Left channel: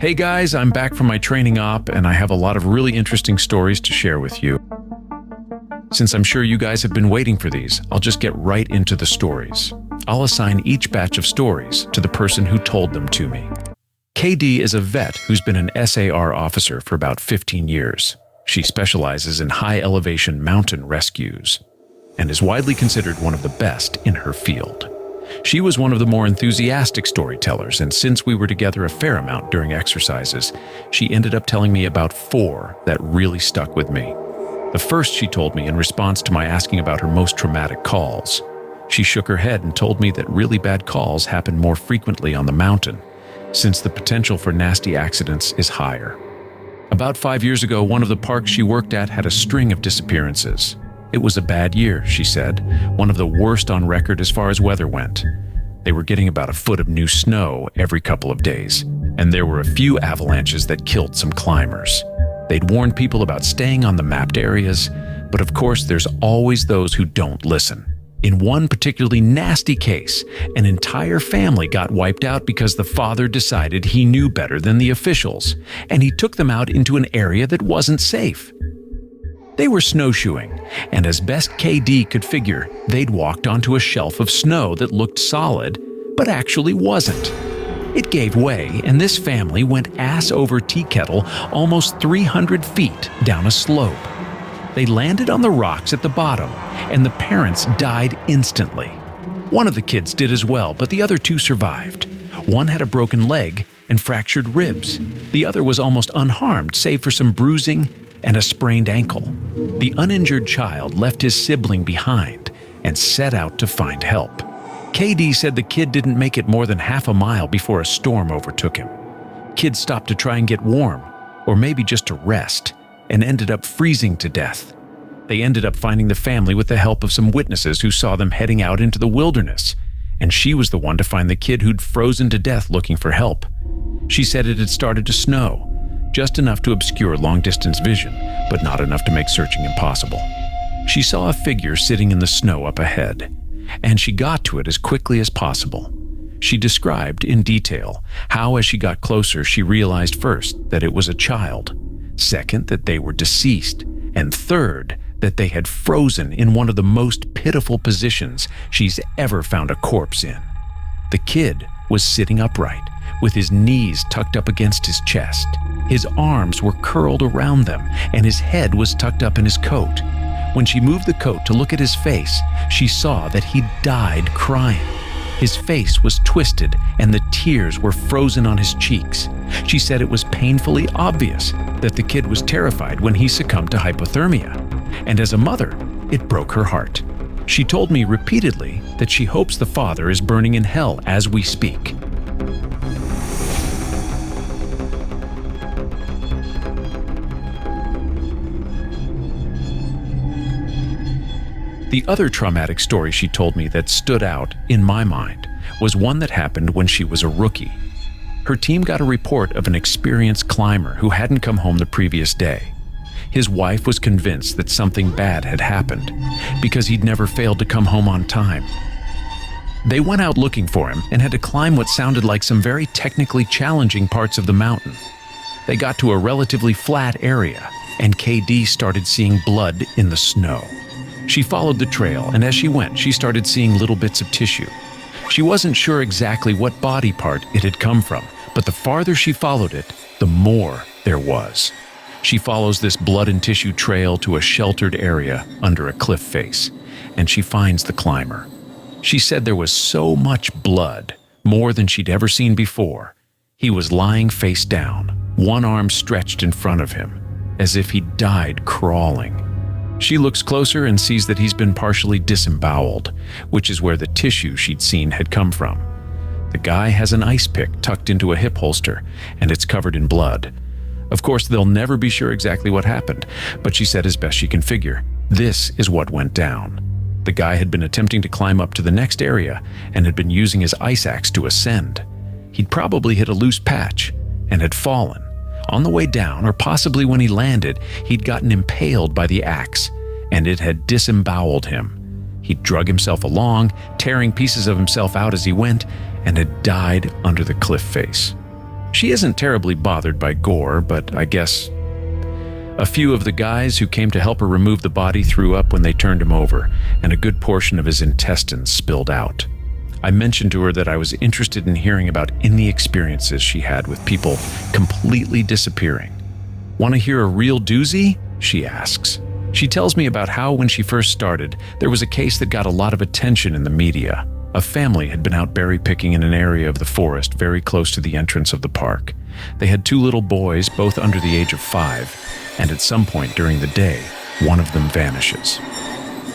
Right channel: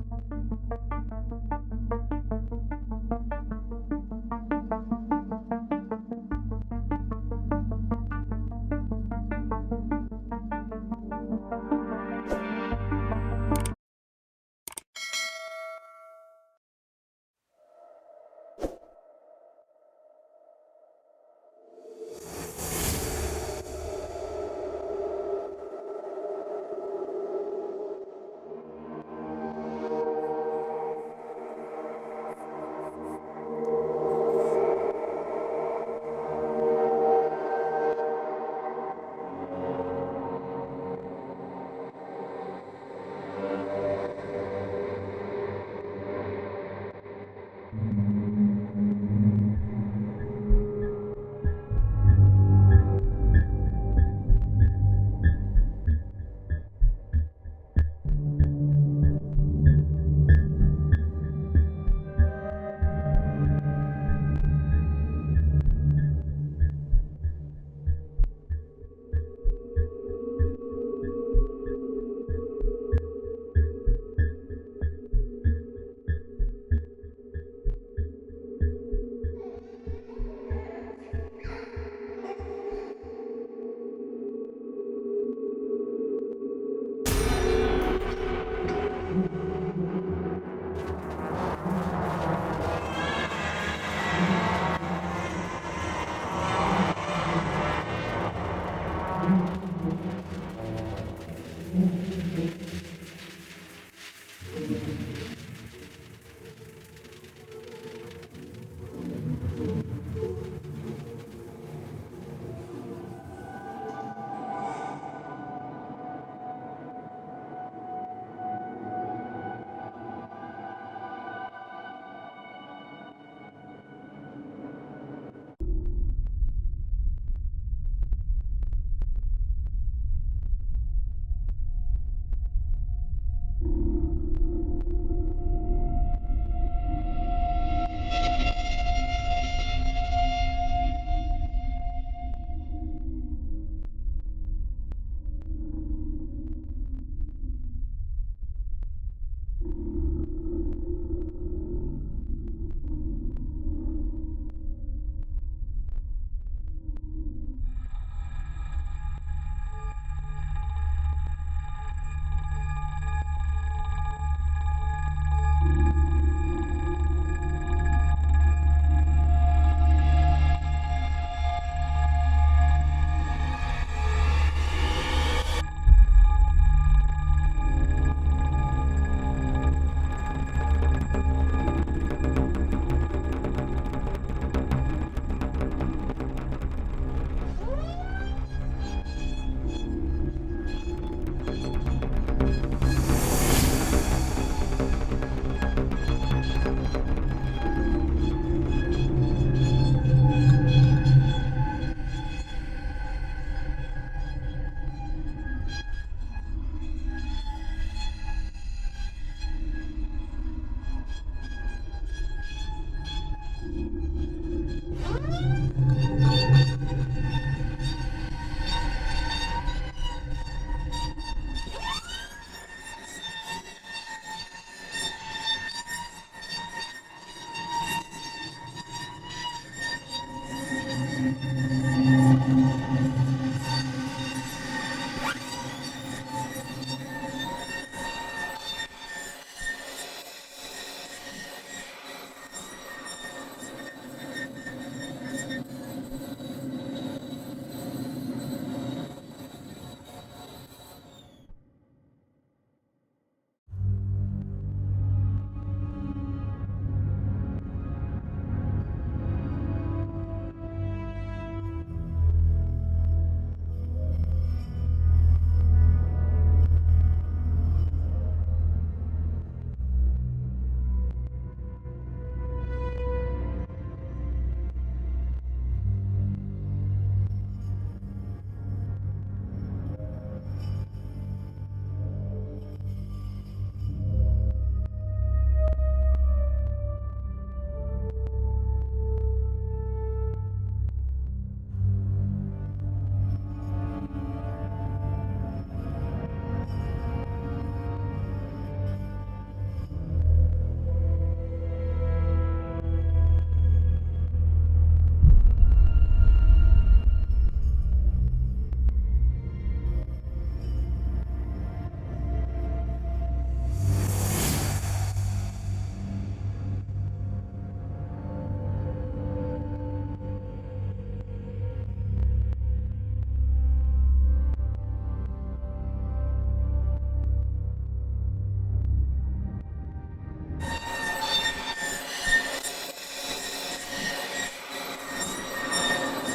Hey guys, I'm back from my training op and I have a lot of really interesting stories to share with you. Since I'm sure you guys have been waiting for these, I'll just get right into the stories. I'll assign each batch of stories to the person who told them to me. KD is a vet who's been an SAR officer for about 15 years. She specializes in high-elevation mountain rescues and is widely considered one of the best in her field. She was one of the more enthusiastic storytellers, and since we were together a fair amount during exercises, she ended up telling me about 4 that really stuck with me. The first she told me in response to my asking about her most traumatic calls. She shook her head and told me that really bad calls happen more frequently on the mountain, since the potential for nasty accidents is higher. About 5 years ago, one of the parks she worked at had a string of disappearances. It was a bad year, she said, one of the worst on record as far as weather went. They were getting about a foot of new snow every couple of days, and there were a few avalanches that killed some climbers. They'd warned people about staying on the mapped areas, but of course there's always those who don't listen. In one particularly nasty case, an entire family got wiped out because the father decided he knew better than the officials, and he took them out into an area that wasn't safe. They were snowshoeing, and as best KD could figure, they'd walked onto a shelf of snow that looked solid, but actually wasn't. It gave way, and this family went ass over tea kettle almost 300 feet down a slope. They landed on the rocks at the bottom, and the parents died instantly. One of the kids did as well, but the other 2 survived. One had a broken leg and fractured ribs. The other was almost unharmed, save for some bruising and a sprained ankle. The uninjured child left his sibling behind and set out to find help. KD said the kid didn't make it more than half a mile before a storm overtook him. Kids stopped to try and get warm, or maybe just to rest, and ended up freezing to death. They ended up finding the family with the help of some witnesses who saw them heading out into the wilderness, and she was the one to find the kid who'd frozen to death looking for help. She said it had started to snow, just enough to obscure long-distance vision, but not enough to make searching impossible. She saw a figure sitting in the snow up ahead, and she got to it as quickly as possible. She described in detail how, as she got closer, she realized first that it was a child, second that they were deceased, and third that they had frozen in one of the most pitiful positions she's ever found a corpse in. The kid was sitting upright, with his knees tucked up against his chest. His arms were curled around them, and his head was tucked up in his coat. When she moved the coat to look at his face, she saw that he'd died crying. His face was twisted, and the tears were frozen on his cheeks. She said it was painfully obvious that the kid was terrified when he succumbed to hypothermia. And as a mother, it broke her heart. She told me repeatedly that she hopes the father is burning in hell as we speak. The other traumatic story she told me that stood out, in my mind, was one that happened when she was a rookie. Her team got a report of an experienced climber who hadn't come home the previous day. His wife was convinced that something bad had happened because he'd never failed to come home on time. They went out looking for him and had to climb what sounded like some very technically challenging parts of the mountain. They got to a relatively flat area, and KD started seeing blood in the snow. She followed the trail, and as she went, she started seeing little bits of tissue. She wasn't sure exactly what body part it had come from, but the farther she followed it, the more there was. She follows this blood and tissue trail to a sheltered area under a cliff face, and she finds the climber. She said there was so much blood, more than she'd ever seen before. He was lying face down, one arm stretched in front of him, as if he'd died crawling. She looks closer and sees that he's been partially disemboweled, which is where the tissue she'd seen had come from. The guy has an ice pick tucked into a hip holster, and it's covered in blood. Of course, they'll never be sure exactly what happened, but she said as best she can figure, this is what went down. The guy had been attempting to climb up to the next area and had been using his ice axe to ascend. He'd probably hit a loose patch and had fallen. On the way down, or possibly when he landed, he'd gotten impaled by the axe, and it had disemboweled him. He'd drug himself along, tearing pieces of himself out as he went, and had died under the cliff face. She isn't terribly bothered by gore, but I guess a few of the guys who came to help her remove the body threw up when they turned him over, and a good portion of his intestines spilled out. I mentioned to her that I was interested in hearing about any experiences she had with people completely disappearing. "Want to hear a real doozy?" she asks. She tells me about how when she first started, there was a case that got a lot of attention in the media. A family had been out berry picking in an area of the forest very close to the entrance of the park. They had 2 little boys, both under the age of 5, and at some point during the day, one of them vanishes.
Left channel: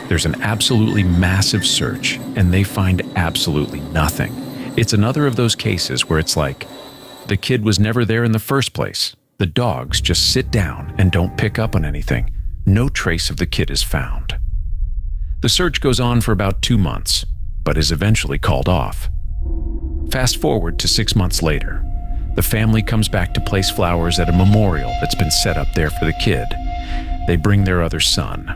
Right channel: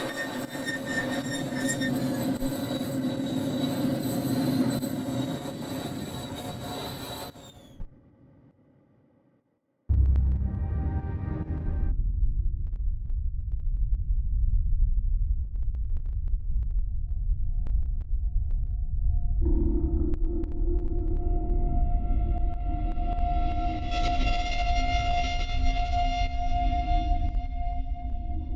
There's an absolutely massive search, and they find absolutely nothing. It's another of those cases where it's like, the kid was never there in the first place. The dogs just sit down and don't pick up on anything. No trace of the kid is found. The search goes on for about 2 months, but is eventually called off. Fast forward to 6 months later. The family comes back to place flowers at a memorial that's been set up there for the kid. They bring their other son.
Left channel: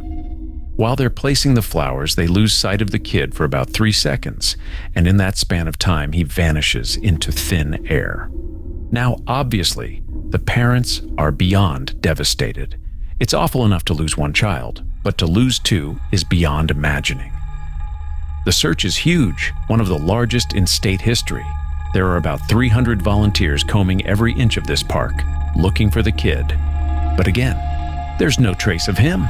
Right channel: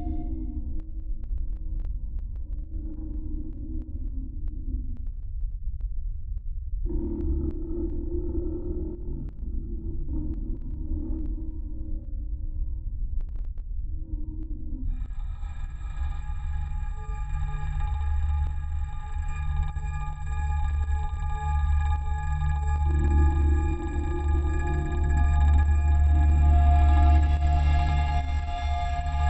While they're placing the flowers, they lose sight of the kid for about 3 seconds, and in that span of time, he vanishes into thin air. Now, obviously, the parents are beyond devastated. It's awful enough to lose 1 child, but to lose 2 is beyond imagining. The search is huge, one of the largest in state history. There are about 300 volunteers combing every inch of this park, looking for the kid. But again, there's no trace of him.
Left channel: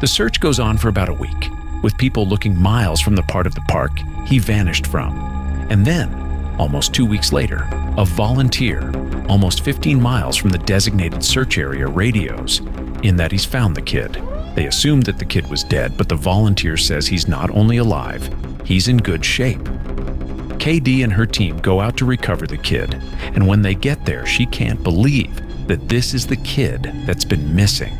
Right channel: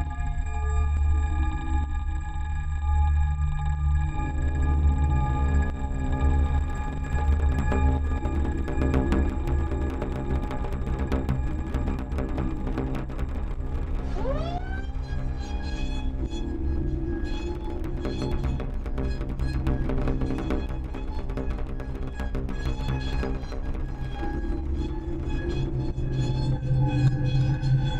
The search goes on for about a week, with people looking miles from the part of the park he vanished from. And then, almost 2 weeks later, a volunteer, almost 15 miles from the designated search area, radios in that he's found the kid. They assumed that the kid was dead, but the volunteer says he's not only alive, he's in good shape. KD and her team go out to recover the kid, and when they get there, she can't believe that this is the kid that's been missing.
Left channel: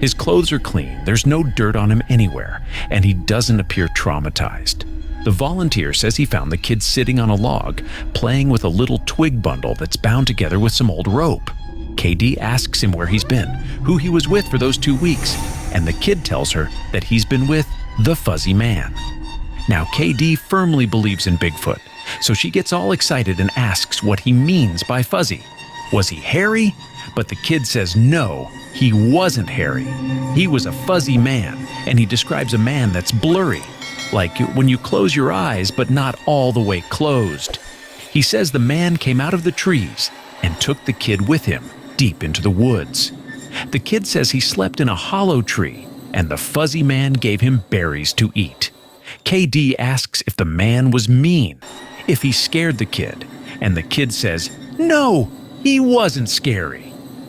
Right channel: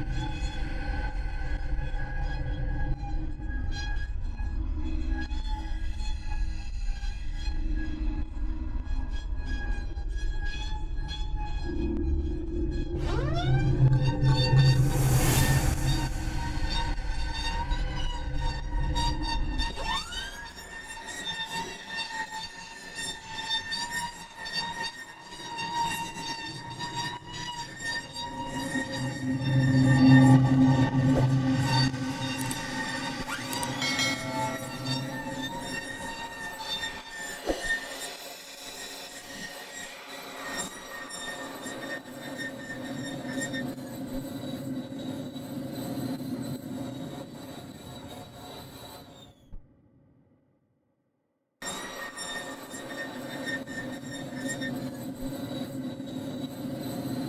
His clothes are clean, there's no dirt on him anywhere, and he doesn't appear traumatized. The volunteer says he found the kid sitting on a log, playing with a little twig bundle that's bound together with some old rope. KD asks him where he's been, who he was with for those 2 weeks, and the kid tells her that he's been with the Fuzzy Man. Now, KD firmly believes in Bigfoot, so she gets all excited and asks what he means by fuzzy. Was he hairy? But the kid says no, he wasn't hairy. He was a fuzzy man, and he describes a man that's blurry, like when you close your eyes but not all the way closed. He says the man came out of the trees and took the kid with him deep into the woods. The kid says he slept in a hollow tree, and the fuzzy man gave him berries to eat. KD asks if the man was mean, if he scared the kid, and the kid says, no, he wasn't scary.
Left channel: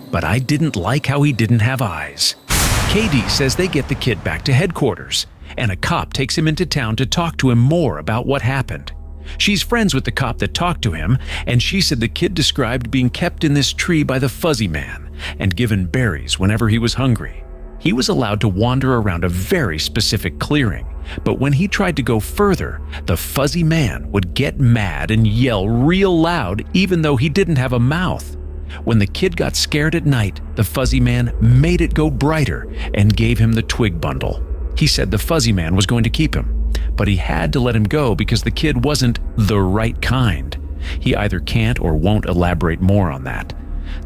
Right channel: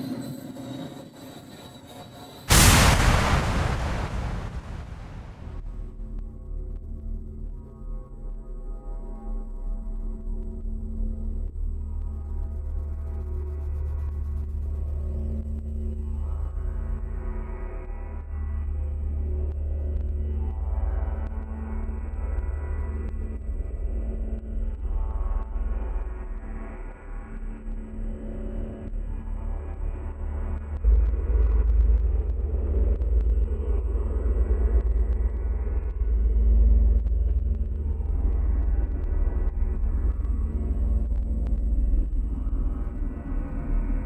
But I didn't like how he didn't have eyes. KD says they get the kid back to headquarters, and a cop takes him into town to talk to him more about what happened. She's friends with the cop that talked to him, and she said the kid described being kept in this tree by the fuzzy man and given berries whenever he was hungry. He was allowed to wander around a very specific clearing, but when he tried to go further, the fuzzy man would get mad and yell real loud even though he didn't have a mouth. When the kid got scared at night, the fuzzy man made it go brighter and gave him the twig bundle. He said the fuzzy man was going to keep him, but he had to let him go because the kid wasn't the right kind. He either can't or won't elaborate more on that.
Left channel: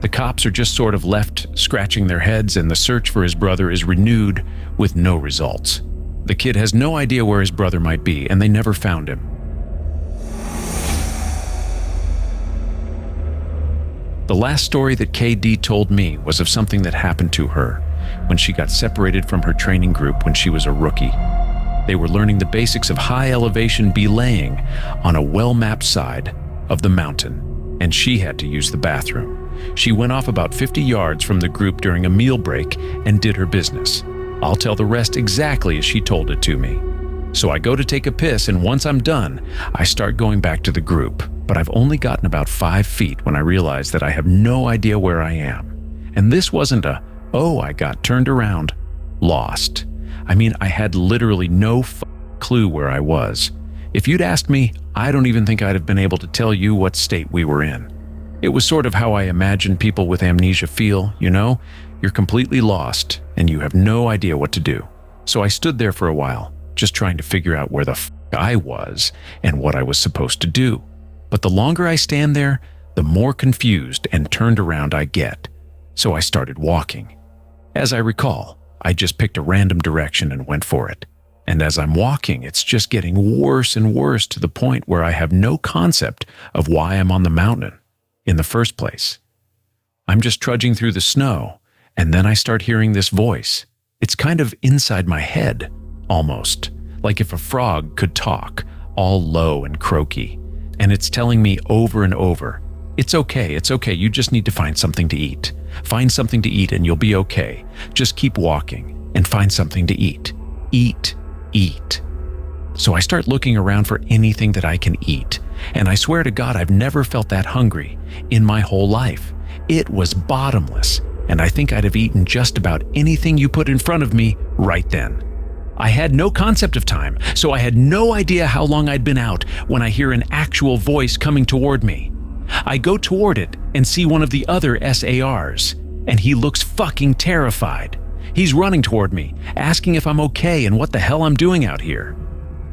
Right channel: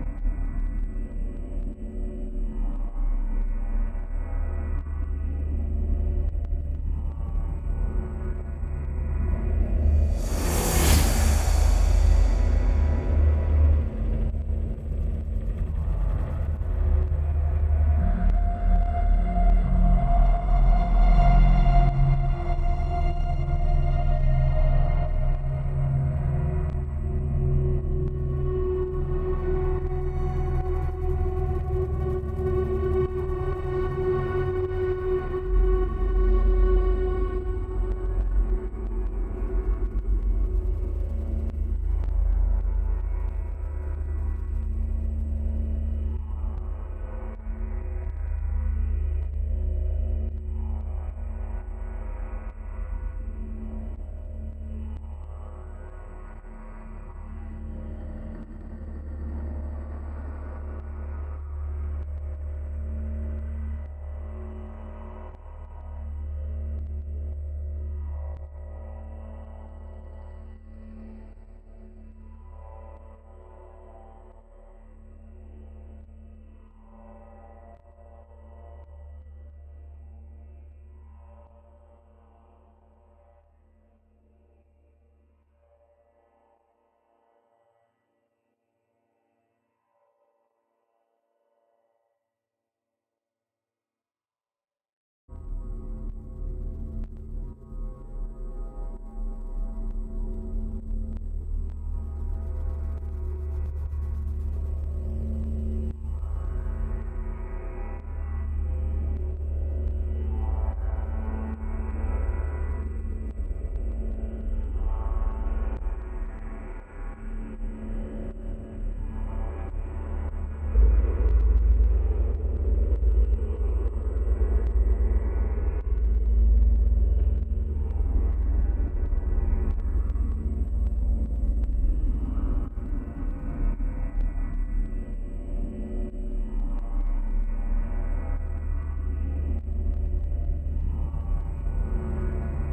The cops are just sort of left scratching their heads, and the search for his brother is renewed with no results. The kid has no idea where his brother might be, and they never found him. The last story that KD told me was of something that happened to her when she got separated from her training group when she was a rookie. They were learning the basics of high elevation belaying on a well-mapped side of the mountain, and she had to use the bathroom. She went off about 50 yards from the group during a meal break and did her business. I'll tell the rest exactly as she told it to me. So I go to take a piss, and once I'm done, I start going back to the group. But I've only gotten about 5 feet when I realize that I have no idea where I am. And this wasn't a, oh, I got turned around, lost. I mean, I had literally no clue where I was. If you'd asked me, I don't even think I'd have been able to tell you what state we were in. It was sort of how I imagine people with amnesia feel, you know? You're completely lost, and you have no idea what to do. So I stood there for a while, just trying to figure out where the I was and what I was supposed to do. But the longer I stand there, the more confused and turned around I get. So I started walking. As I recall, I just picked a random direction and went for it. And as I'm walking, it's just getting worse and worse to the point where I have no concept of why I'm on the mountain in the first place. I'm just trudging through the snow, and then I start hearing this voice. It's kind of inside my head, almost, like if a frog could talk, all low and croaky. And it's telling me over and over, it's okay, you just need to find something to eat. Find something to eat and you'll be okay. Just keep walking and find something to eat. Eat, eat. So I start looking around for anything that I can eat, and I swear to God I've never felt that hungry in my whole life. It was bottomless, and I think I'd have eaten just about anything you put in front of me right then. I had no concept of time, so I had no idea how long I'd been out when I hear an actual voice coming toward me. I go toward it and see one of the other SARs, and he looks fucking terrified. He's running toward me, asking if I'm okay and what the hell I'm doing out here.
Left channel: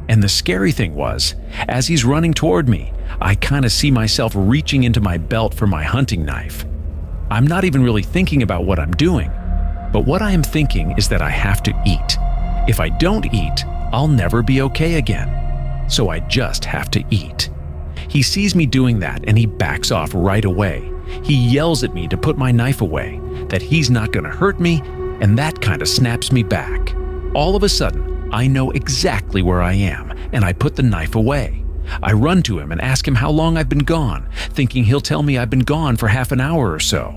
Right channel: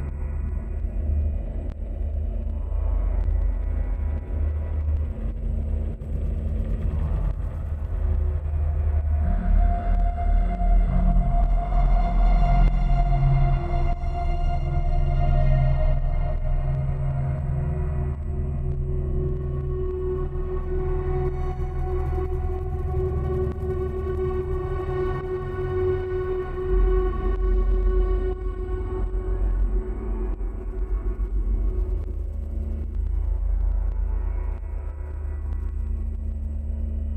And the scary thing was, as he's running toward me, I kind of see myself reaching into my belt for my hunting knife. I'm not even really thinking about what I'm doing, but what I am thinking is that I have to eat. If I don't eat, I'll never be okay again. So I just have to eat. He sees me doing that and he backs off right away. He yells at me to put my knife away, that he's not going to hurt me, and that kind of snaps me back. All of a sudden, I know exactly where I am, and I put the knife away. I run to him and ask him how long I've been gone, thinking he'll tell me I've been gone for half an hour or so.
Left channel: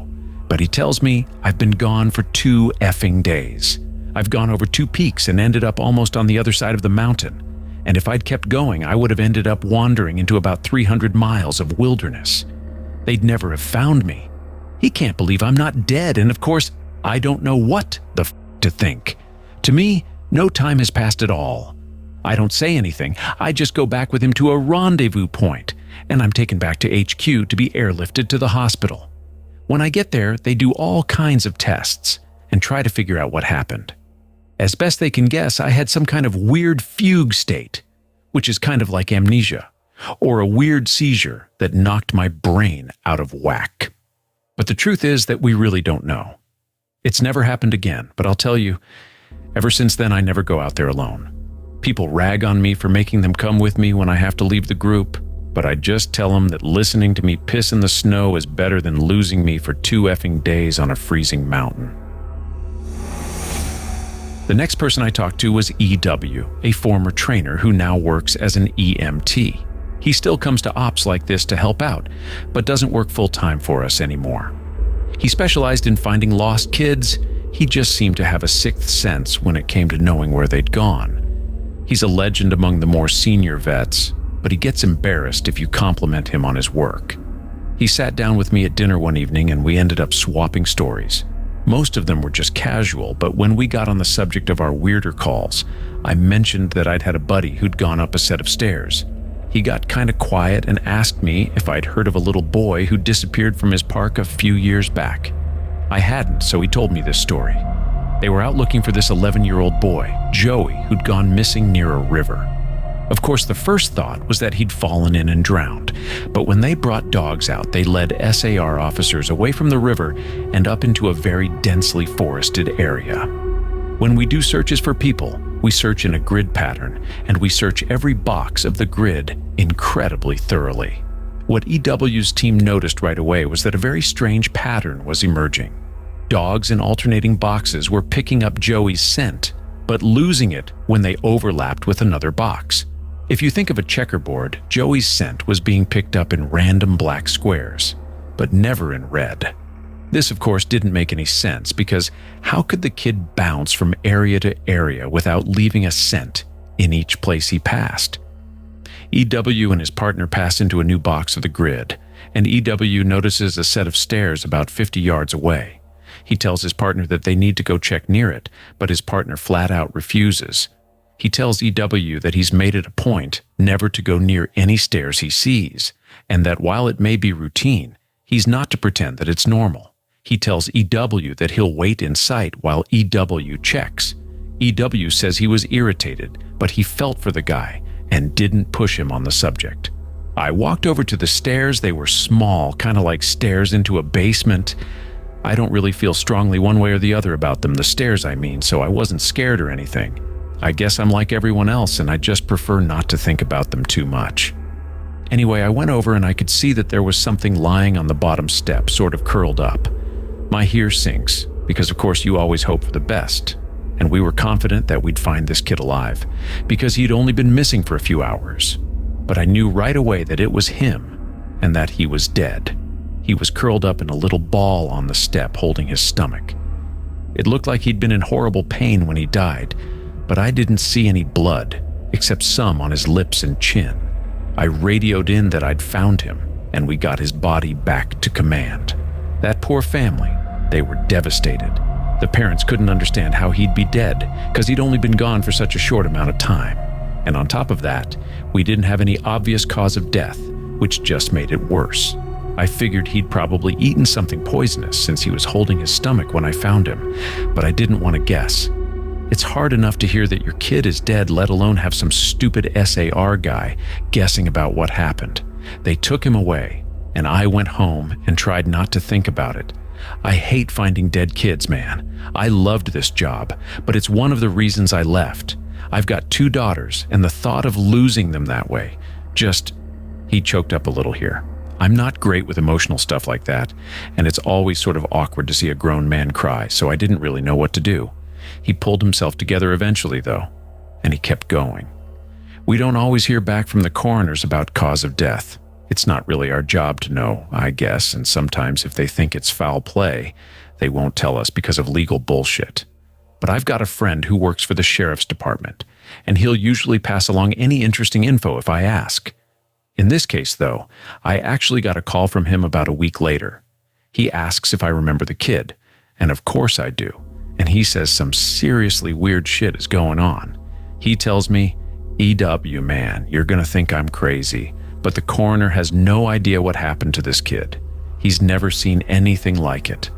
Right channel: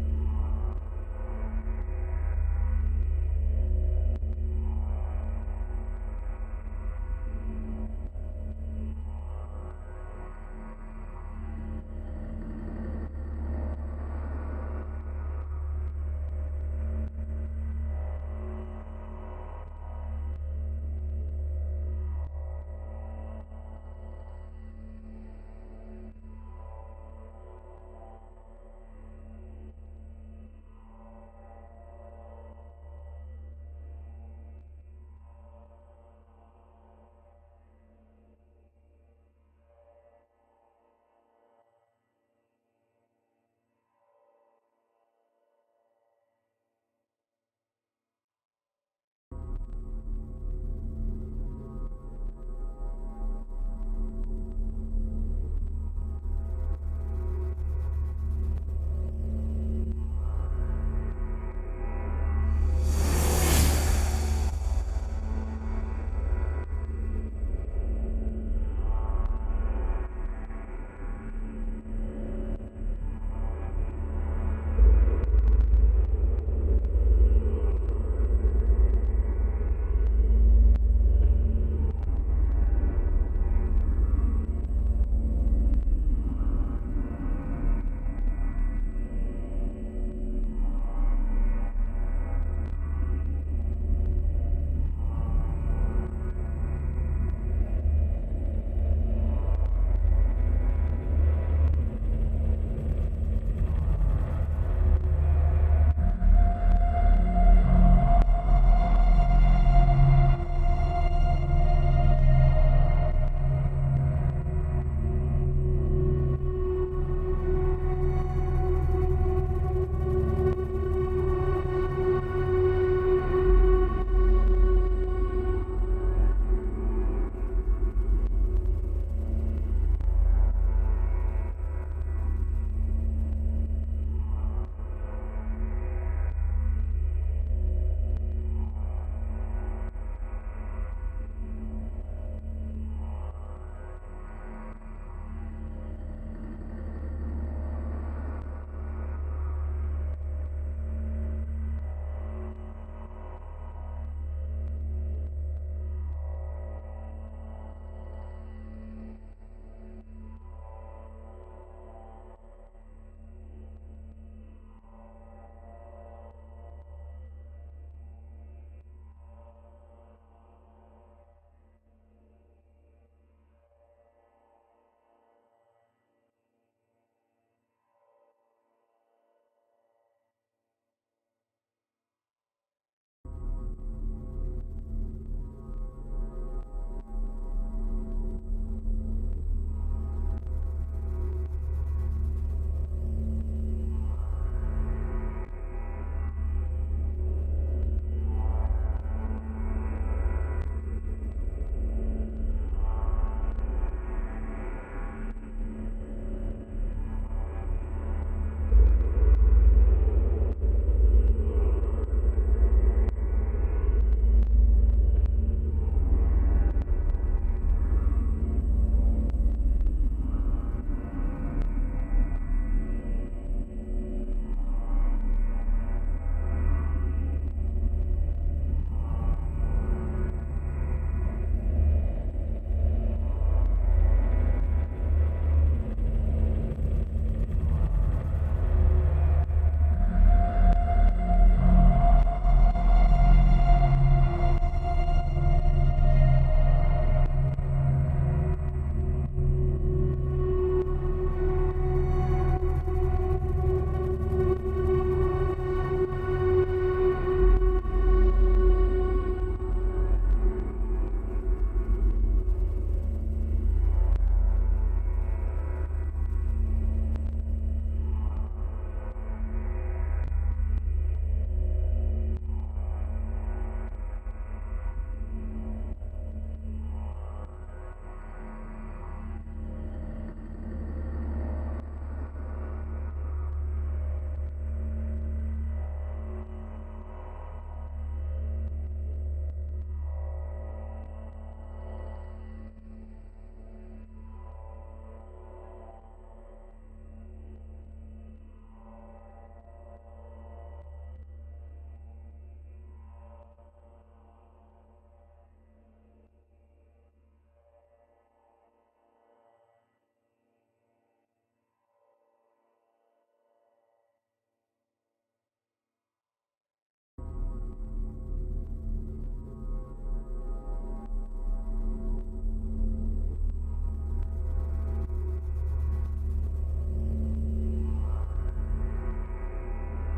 But he tells me I've been gone for 2 effing days. I've gone over 2 peaks and ended up almost on the other side of the mountain. And if I'd kept going, I would have ended up wandering into about 300 miles of wilderness. They'd never have found me. He can't believe I'm not dead, and of course, I don't know what the f to think. To me, no time has passed at all. I don't say anything. I just go back with him to a rendezvous point, and I'm taken back to HQ to be airlifted to the hospital. When I get there, they do all kinds of tests and try to figure out what happened. As best they can guess, I had some kind of weird fugue state, which is kind of like amnesia, or a weird seizure that knocked my brain out of whack. But the truth is that we really don't know. It's never happened again, but I'll tell you, ever since then I never go out there alone. People rag on me for making them come with me when I have to leave the group, but I just tell them that listening to me piss in the snow is better than losing me for 2 effing days on a freezing mountain. The next person I talked to was EW, a former trainer who now works as an EMT. He still comes to ops like this to help out, but doesn't work full-time for us anymore. He specialized in finding lost kids. He just seemed to have a 6th sense when it came to knowing where they'd gone. He's a legend among the more senior vets, but he gets embarrassed if you compliment him on his work. He sat down with me at dinner one evening and we ended up swapping stories. Most of them were just casual, but when we got on the subject of our weirder calls, I mentioned that I'd had a buddy who'd gone up a set of stairs. He got kind of quiet and asked me if I'd heard of a little boy who disappeared from his park a few years back. I hadn't, so he told me this story. They were out looking for this 11-year-old boy, Joey, who'd gone missing near a river. Of course, the first thought was that he'd fallen in and drowned, but when they brought dogs out, they led SAR officers away from the river and up into a very densely forested area. When we do searches for people, we search in a grid pattern, and we search every box of the grid incredibly thoroughly. What EW's team noticed right away was that a very strange pattern was emerging. Dogs in alternating boxes were picking up Joey's scent, but losing it when they overlapped with another box. If you think of a checkerboard, Joey's scent was being picked up in random black squares, but never in red. This, of course, didn't make any sense because how could the kid bounce from area to area without leaving a scent in each place he passed? EW and his partner pass into a new box of the grid, and EW notices a set of stairs about 50 yards away. He tells his partner that they need to go check near it, but his partner flat out refuses. He tells EW that he's made it a point never to go near any stairs he sees, and that while it may be routine, he's not to pretend that it's normal. He tells EW that he'll wait in sight while EW checks. EW says he was irritated, but he felt for the guy and didn't push him on the subject. I walked over to the stairs. They were small, kind of like stairs into a basement. I don't really feel strongly one way or the other about them, the stairs I mean, so I wasn't scared or anything. I guess I'm like everyone else, and I just prefer not to think about them too much. Anyway, I went over and I could see that there was something lying on the bottom step, sort of curled up. My ear sinks, because of course you always hope for the best, and we were confident that we'd find this kid alive, because he'd only been missing for a few hours. But I knew right away that it was him, and that he was dead. He was curled up in a little ball on the step, holding his stomach. It looked like he'd been in horrible pain when he died, but I didn't see any blood, except some on his lips and chin. I radioed in that I'd found him, and we got his body back to command. That poor family, they were devastated. The parents couldn't understand how he'd be dead, because he'd only been gone for such a short amount of time. And on top of that, we didn't have any obvious cause of death, which just made it worse. I figured he'd probably eaten something poisonous since he was holding his stomach when I found him, but I didn't want to guess. It's hard enough to hear that your kid is dead, let alone have some stupid SAR guy guessing about what happened. They took him away, and I went home and tried not to think about it. I hate finding dead kids, man. I loved this job, but it's one of the reasons I left. I've got 2 daughters, and the thought of losing them that way, he choked up a little here. I'm not great with emotional stuff like that, and it's always sort of awkward to see a grown man cry, so I didn't really know what to do. He pulled himself together eventually, though, and he kept going. We don't always hear back from the coroners about cause of death. It's not really our job to know, I guess, and sometimes if they think it's foul play, they won't tell us because of legal bullshit. But I've got a friend who works for the sheriff's department, and he'll usually pass along any interesting info if I ask. In this case, though, I actually got a call from him about a week later. He asks if I remember the kid, and of course I do. And he says some seriously weird shit is going on. He tells me, "EW, man, you're gonna think I'm crazy, but the coroner has no idea what happened to this kid. He's never seen anything like it."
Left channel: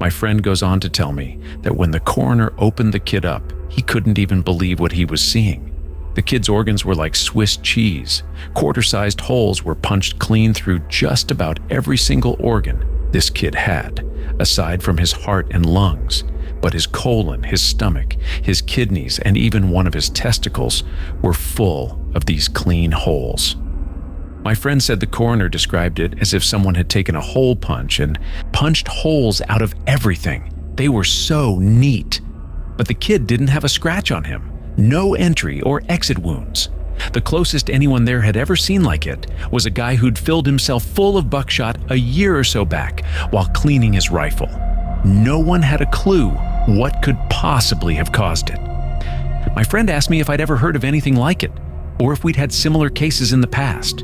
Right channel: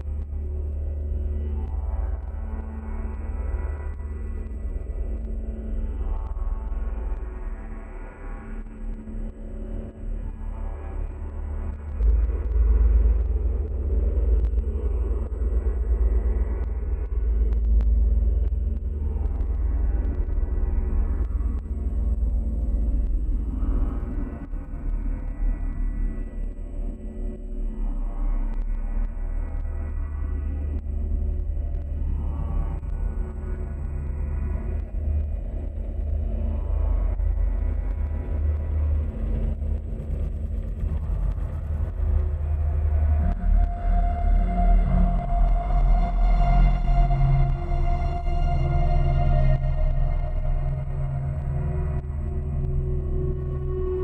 My friend goes on to tell me that when the coroner opened the kid up, he couldn't even believe what he was seeing. The kid's organs were like Swiss cheese. Quarter-sized holes were punched clean through just about every single organ this kid had, aside from his heart and lungs. But his colon, his stomach, his kidneys, and even one of his testicles were full of these clean holes. My friend said the coroner described it as if someone had taken a hole punch and punched holes out of everything. They were so neat. But the kid didn't have a scratch on him, no entry or exit wounds. The closest anyone there had ever seen like it was a guy who'd filled himself full of buckshot a year or so back while cleaning his rifle. No one had a clue what could possibly have caused it. My friend asked me if I'd ever heard of anything like it, or if we'd had similar cases in the past.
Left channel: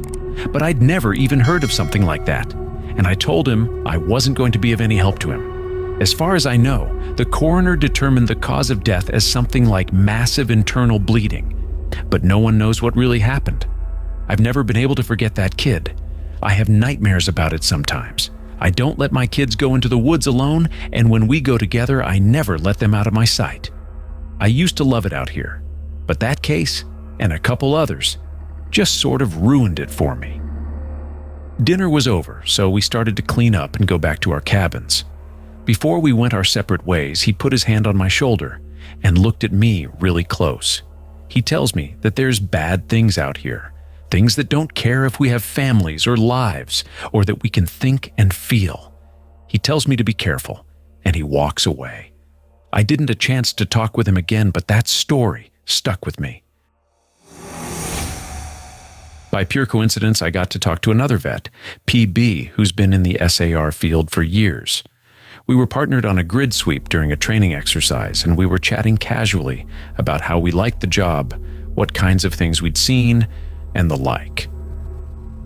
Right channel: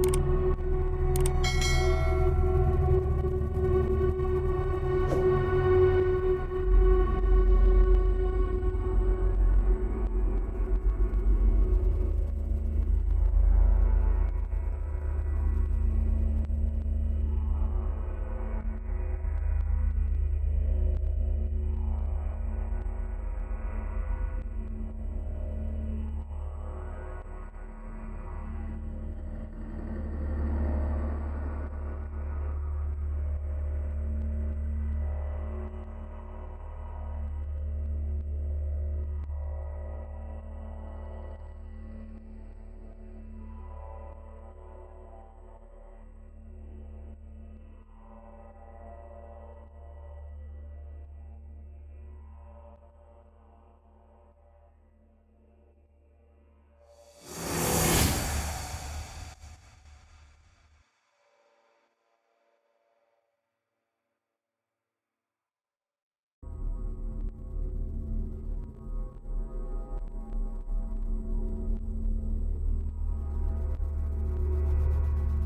But I'd never even heard of something like that, and I told him I wasn't going to be of any help to him. As far as I know, the coroner determined the cause of death as something like massive internal bleeding, but no one knows what really happened. I've never been able to forget that kid. I have nightmares about it sometimes. I don't let my kids go into the woods alone, and when we go together, I never let them out of my sight. I used to love it out here, but that case, and a couple others, just sort of ruined it for me. Dinner was over, so we started to clean up and go back to our cabins. Before we went our separate ways, he put his hand on my shoulder and looked at me really close. He tells me that there's bad things out here, things that don't care if we have families or lives, or that we can think and feel. He tells me to be careful, and he walks away. I didn't get a chance to talk with him again, but that story stuck with me. By pure coincidence, I got to talk to another vet, PB, who's been in the SAR field for years. We were partnered on a grid sweep during a training exercise, and we were chatting casually about how we liked the job, what kinds of things we'd seen, and the like.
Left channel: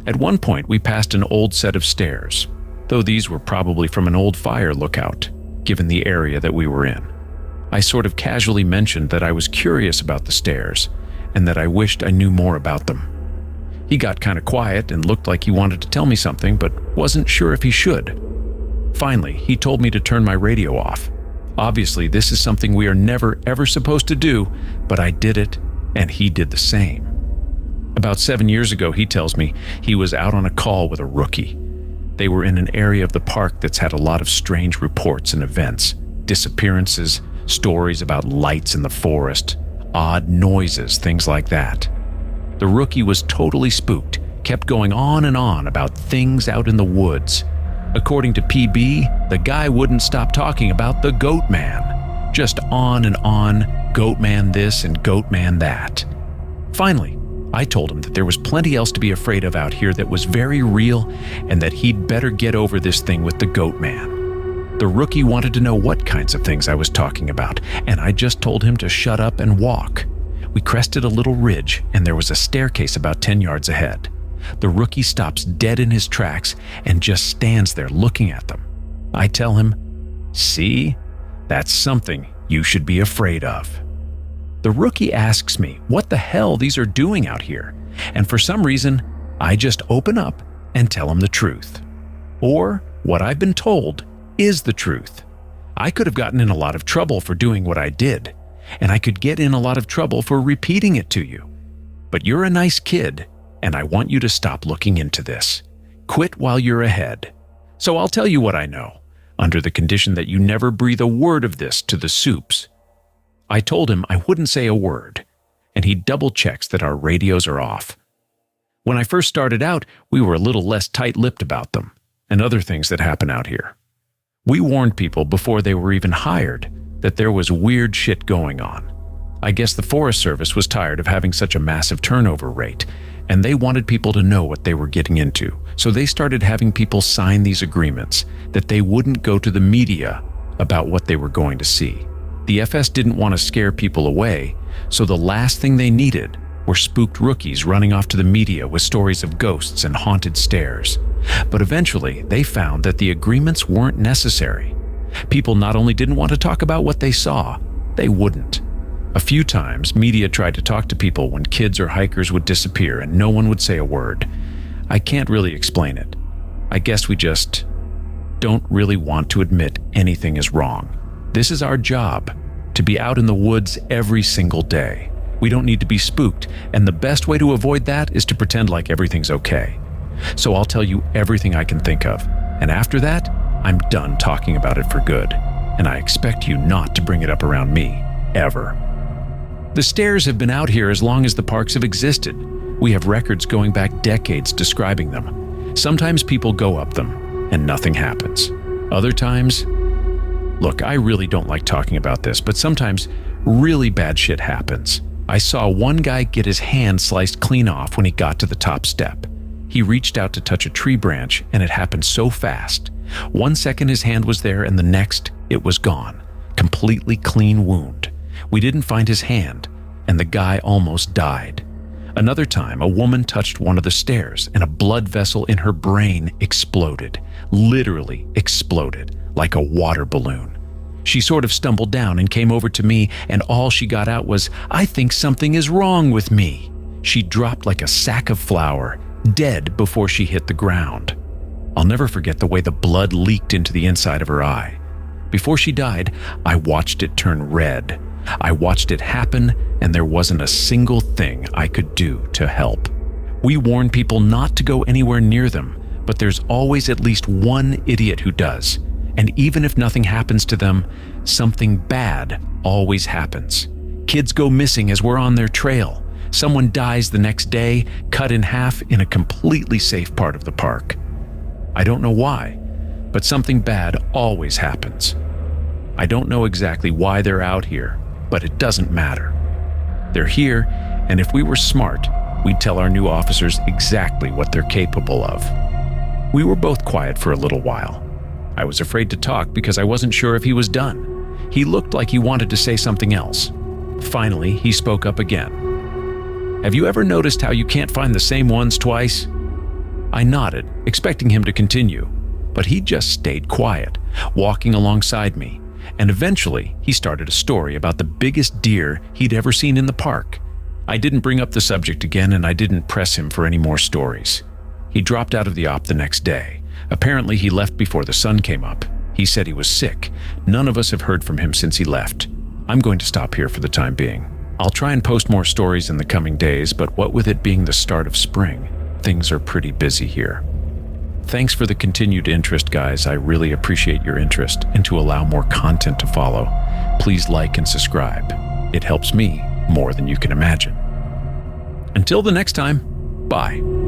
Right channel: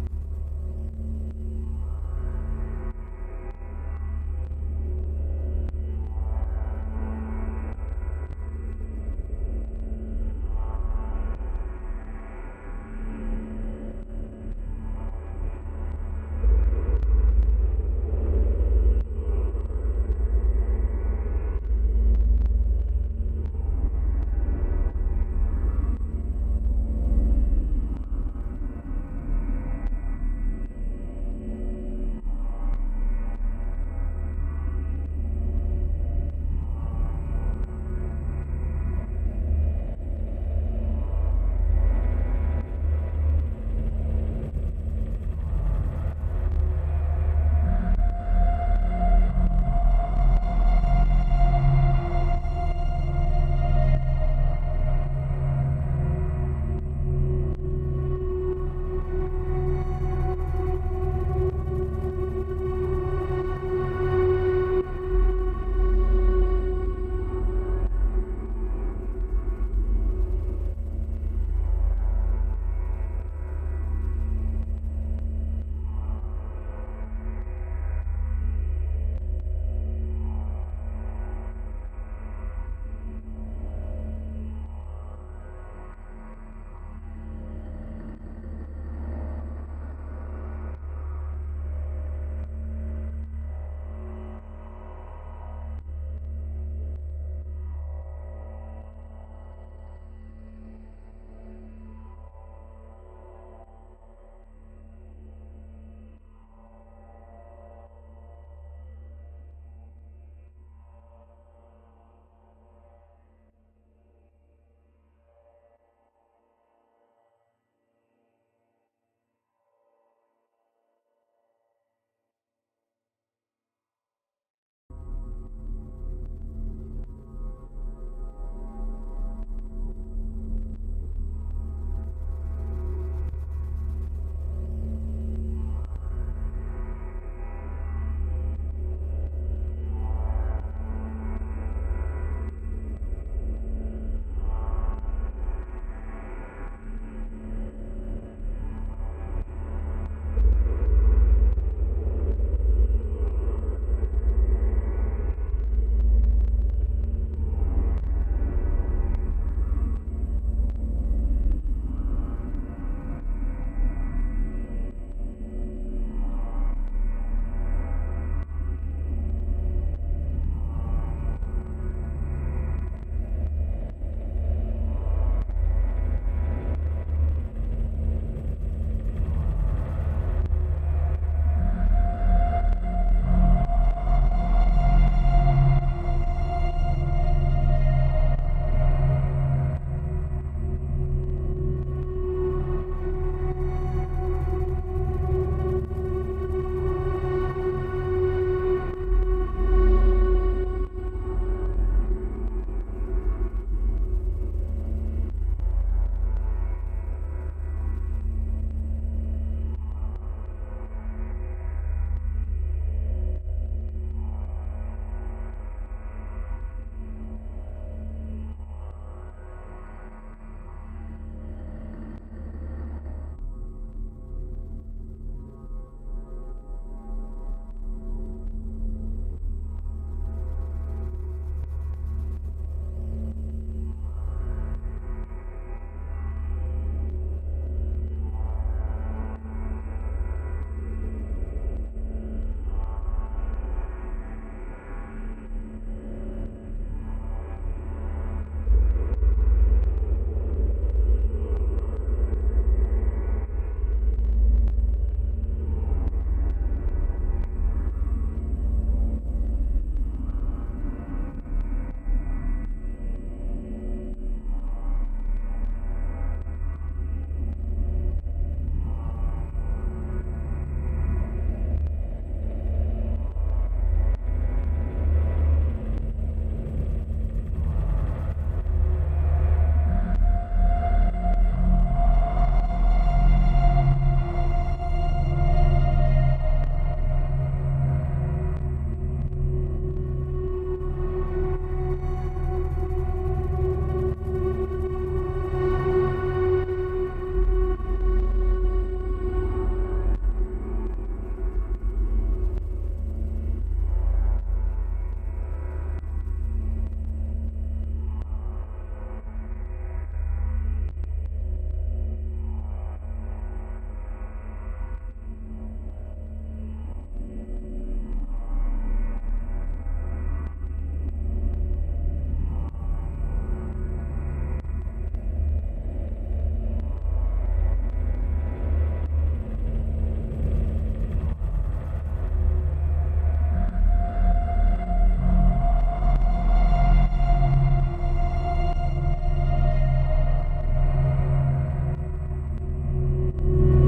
At one point, we passed an old set of stairs, though these were probably from an old fire lookout, given the area that we were in. I sort of casually mentioned that I was curious about the stairs, and that I wished I knew more about them. He got kind of quiet and looked like he wanted to tell me something, but wasn't sure if he should. Finally, he told me to turn my radio off. Obviously, this is something we are never ever supposed to do, but I did it, and he did the same. About 7 years ago, he tells me, he was out on a call with a rookie. They were in an area of the park that's had a lot of strange reports and events, disappearances, stories about lights in the forest, odd noises, things like that. The rookie was totally spooked, kept going on and on about things out in the woods. According to PB, the guy wouldn't stop talking about the goat man. Just on and on, goat man this and goat man that. Finally, I told him that there was plenty else to be afraid of out here that was very real and that he'd better get over this thing with the goat man. The rookie wanted to know what kinds of things I was talking about, and I just told him to shut up and walk. We crested a little ridge, and there was a staircase about 10 yards ahead. The rookie stops dead in his tracks and just stands there looking at them. I tell him, "See? That's something you should be afraid of." The rookie asks me what the hell these are doing out here, and for some reason, I just open up and tell him the truth. Or what I've been told is the truth. I could have gotten in a lot of trouble for doing what I did, and I could get in a lot of trouble for repeating it to you. But you're a nice kid, and I want you to stop looking into this. Quit while you're ahead. So I'll tell you what I know, under the condition that you never breathe a word of this to the soups. I told him I wouldn't say a word, and he double-checks that our radios are off. When I first started out, we were a little less tight-lipped about them, and other things that happen out here. We warned people before they were even hired that there was weird shit going on. I guess the Forest Service was tired of having such a massive turnover rate, and they wanted people to know what they were getting into, so they started having people sign these agreements that they wouldn't go to the media about what they were going to see. The FS didn't want to scare people away, so the last thing they needed were spooked rookies running off to the media with stories of ghosts and haunted stairs. But eventually, they found that the agreements weren't necessary. People not only didn't want to talk about what they saw, they wouldn't. A few times, media tried to talk to people when kids or hikers would disappear and no one would say a word. I can't really explain it. I guess we just don't really want to admit anything is wrong. This is our job, to be out in the woods every single day. We don't need to be spooked, and the best way to avoid that is to pretend like everything's okay. So I'll tell you everything I can think of, and after that, I'm done talking about it for good, and I expect you not to bring it up around me, ever. The stairs have been out here as long as the parks have existed. We have records going back decades describing them. Sometimes people go up them, and nothing happens. Other times, look, I really don't like talking about this, but sometimes really bad shit happens. I saw one guy get his hand sliced clean off when he got to the top step. He reached out to touch a tree branch, and it happened so fast. 1 second his hand was there, and the next, it was gone. Completely clean wound. We didn't find his hand, and the guy almost died. Another time, a woman touched one of the stairs, and a blood vessel in her brain exploded. Literally exploded, like a water balloon. She sort of stumbled down and came over to me, and all she got out was, "I think something is wrong with me." She dropped like a sack of flour, dead before she hit the ground. I'll never forget the way the blood leaked into the inside of her eye. Before she died, I watched it turn red. I watched it happen, and there wasn't a single thing I could do to help. We warn people not to go anywhere near them, but there's always at least one idiot who does. And even if nothing happens to them, something bad always happens. Kids go missing as we're on their trail. Someone dies the next day, cut in half in a completely safe part of the park. I don't know why, but something bad always happens. I don't know exactly why they're out here, but it doesn't matter. They're here, and if we were smart, we'd tell our new officers exactly what they're capable of. We were both quiet for a little while. I was afraid to talk because I wasn't sure if he was done. He looked like he wanted to say something else. Finally, he spoke up again. "Have you ever noticed how you can't find the same ones twice?" I nodded, expecting him to continue, but he just stayed quiet, walking alongside me, and eventually he started a story about the biggest deer he'd ever seen in the park. I didn't bring up the subject again, and I didn't press him for any more stories. He dropped out of the op the next day. Apparently, he left before the sun came up. He said he was sick. None of us have heard from him since he left. I'm going to stop here for the time being. I'll try and post more stories in the coming days, but what with it being the start of spring, things are pretty busy here. Thanks for the continued interest, guys. I really appreciate your interest, and to allow more content to follow, please like and subscribe. It helps me more than you can imagine. Until the next time, bye.